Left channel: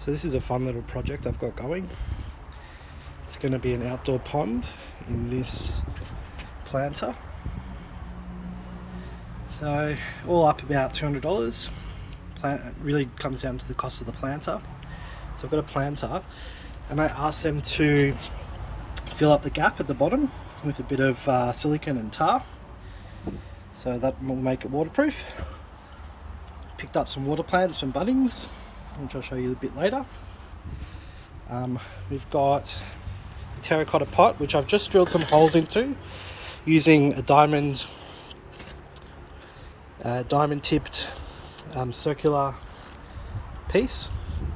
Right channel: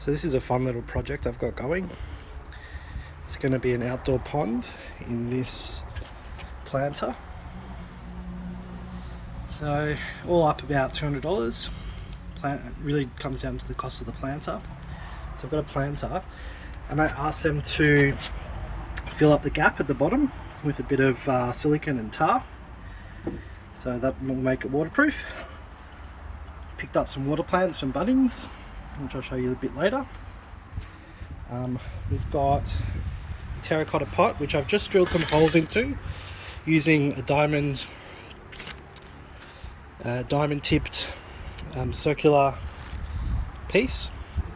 So this is a fun little project I've got going. It's going to be an outdoor pond in this planter. So all up about $200. It really comes down to the cost of the planter. So I've got a planter and I asked them to fill up the gap at the bottom with a bit of silicone and tar. So that will make it waterproof. Picked up some water plants from Bunnings, which I'll show you a bit later. We've got the terracotta pot, which I've just drilled some holes into using a diamond tipped circular piece.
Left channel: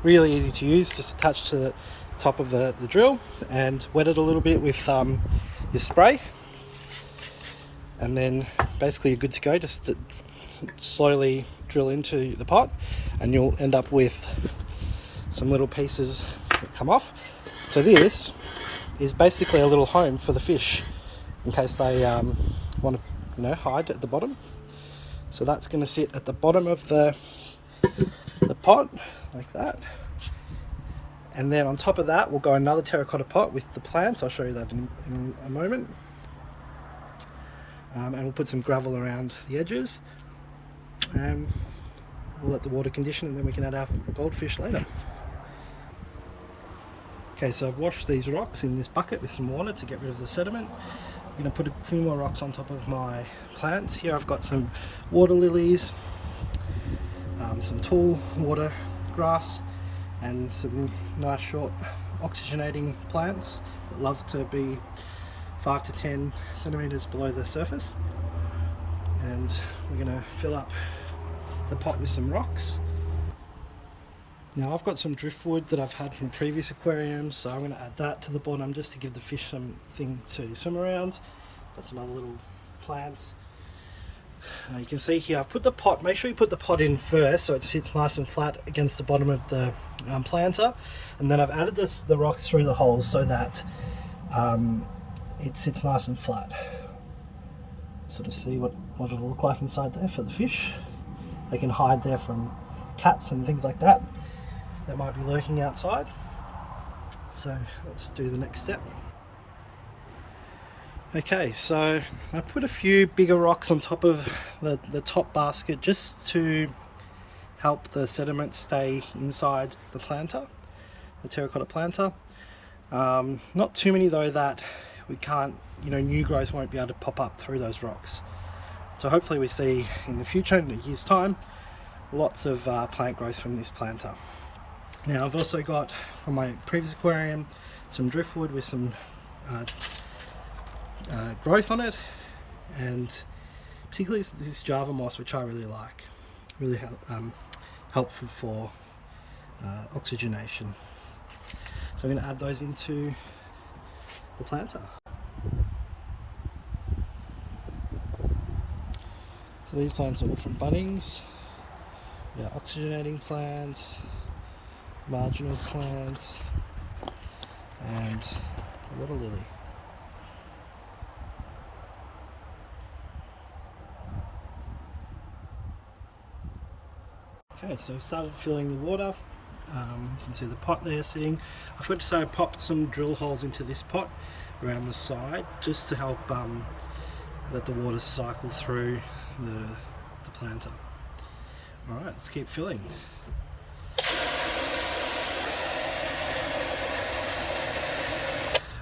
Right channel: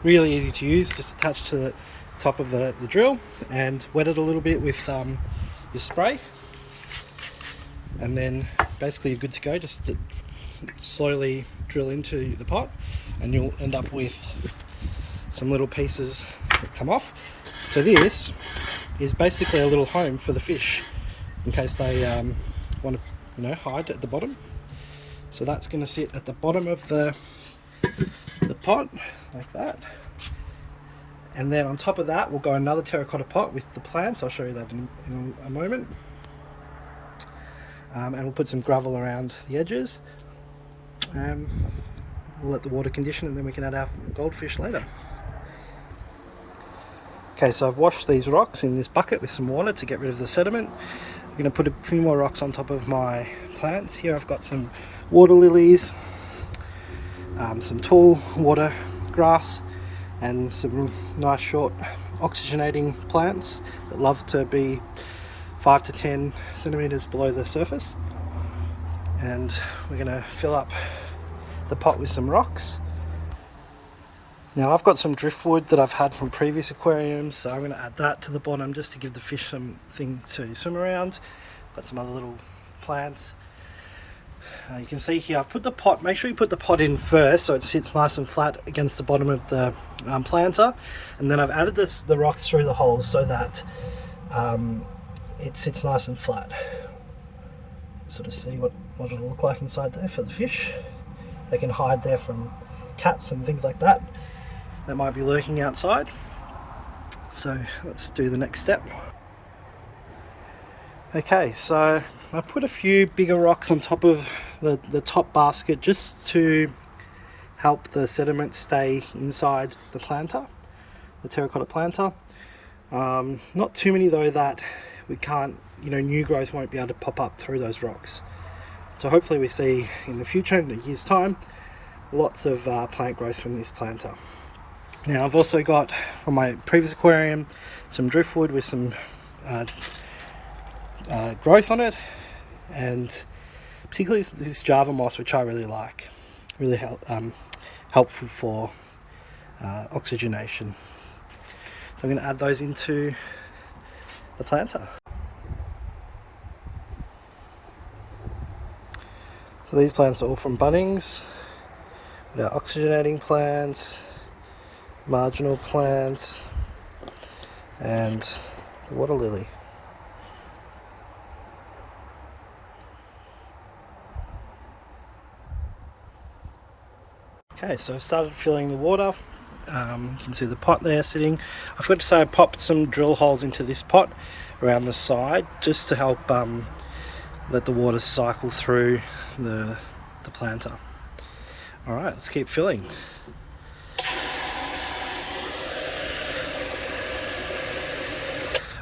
Really easy to use, just attached to the top of the drill, and wet it a little bit with your spray, and then basically you're good to go. Just to slowly drill into the pot and you'll end up with some little pieces that come off. So this is basically a little home for the fish in case they want to hide at the bottom. So that's going to sit at the bottom of the pot like that, and then on top of that we'll go another terracotta pot with the plants. I'll show you that in a moment. And we'll put some gravel around the edges, and we'll let the water condition, and then we can add our goldfish later. Okay, so I've washed these rocks in this bucket with some water to get rid of the sediment. I'm going to put a few more rocks on top of my plants. Here I've got some water lilies, some tall water grass, and some nice short oxygenating plants that love to be 5 to 10 centimeters below the surface. And we're going to fill up the pot with some rocks. Now I've got some driftwood that I've had from previous aquariums, so I'm going to add that to the bottom just to give the fish something to swim around. Got some other little plants. You can see here I've put the pot, make sure you put the pot in first so it sits nice and flat against the bottom of the planter, and then I've added the rocks through the holes so that it sits nice and flat. Sort of see what it'll look like inside there for the fish. They can hide there from cats and things like that might be lurking outside. So let's do the next step. Okay, so I put a few bigger rocks on top of the top basket just to help the sediment stay inside the planter, the terracotta planter. Not too many though that we can't, new growth won't be able to pop up through those rocks. So hopefully we see in the future, in a year's time, lots of plant growth from this planter. Now I've also got from my previous aquarium some driftwood with some growth on it, and particularly this Java moss, which I really like. Really helpful for oxygenation. So I'm going to add those into the planter. So these plants are all from Bunnings. Our oxygenating plants, marginal plants, and the water lily. Okay, so I've started filling the water. You can see the pot there sitting. I forgot to say I popped some drill holes into this pot around the side just to help let the water cycle through the planter. Alright, let's keep filling.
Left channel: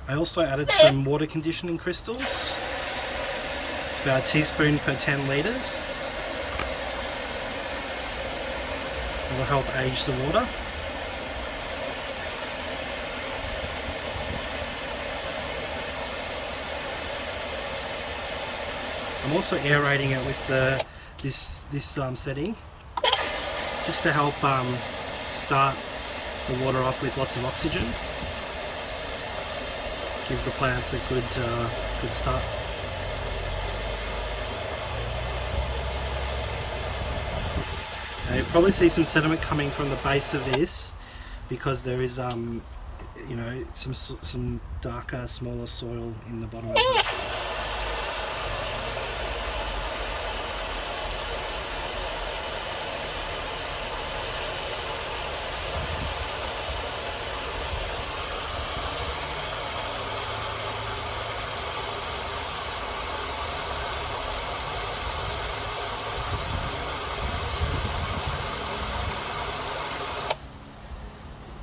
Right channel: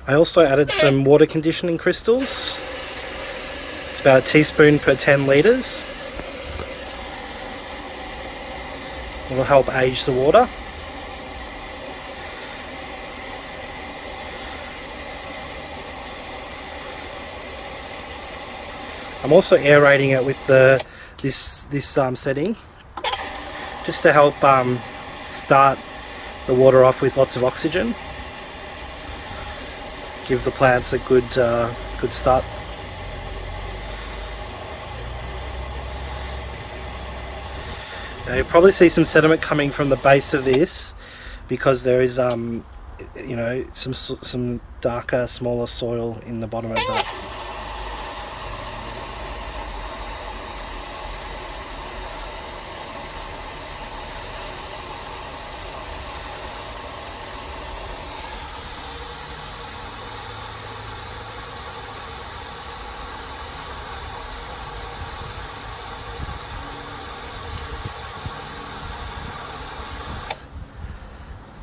I also added some water conditioning crystals. It's about a teaspoon per 10 litres. It will help age the water. I'm also aerating it with this setting, just to help start the water off with lots of oxygen. Give the plants a good start. Now you'll probably see some sediment coming from the base of this because there is some darker, smaller soil in the bottom of that.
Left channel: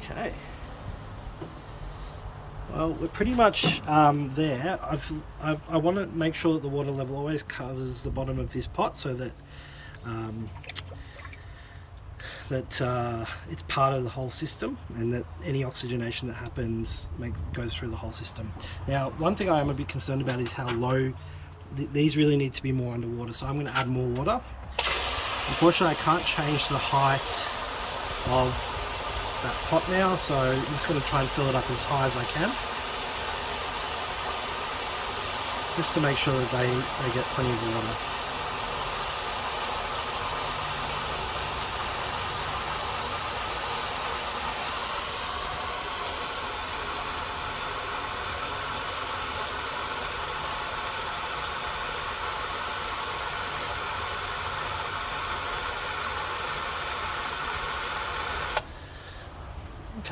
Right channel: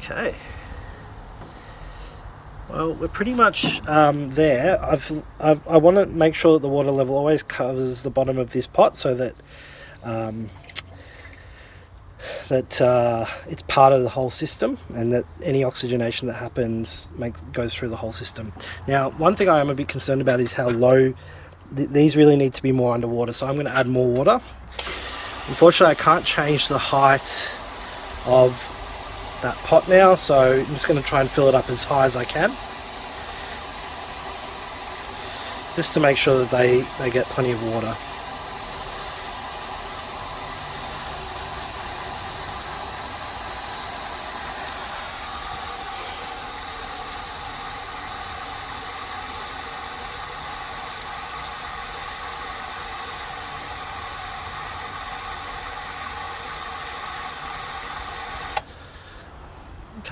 Okay. Well, we're pretty much there. I want to make sure that the water level always covers the bottom of this pot, so that it's part of the whole system, and that any oxygenation that happens goes through the whole system. Now, one thing I am a bit concerned about is how low these really need to be more underwater, so I'm going to add more water. Unfortunately, I can't change the height of that pot now, so I'm just going to try and fill it up as high as I can, just to make sure that they get plenty of water.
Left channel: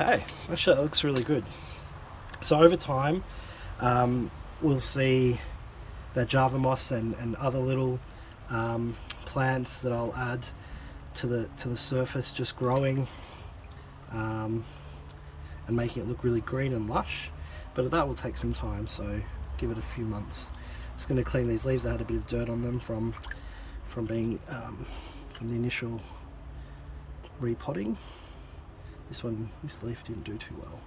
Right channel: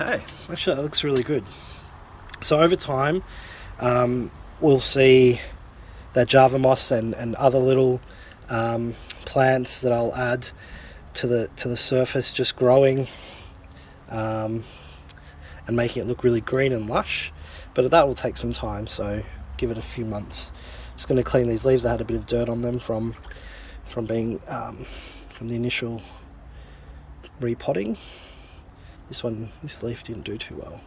Okay, actually that looks really good. So over time, we'll see that Java moss and other little plants that I'll add to the surface just growing and making it look really green and lush. But that will take some time, so give it a few months. Just going to clean these leaves. I had a bit of dirt on them from being from the initial repotting. This leaf didn't do too well.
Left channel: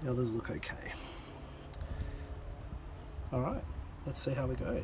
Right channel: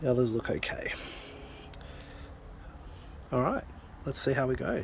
The others look okay. Alright, let's see how we go.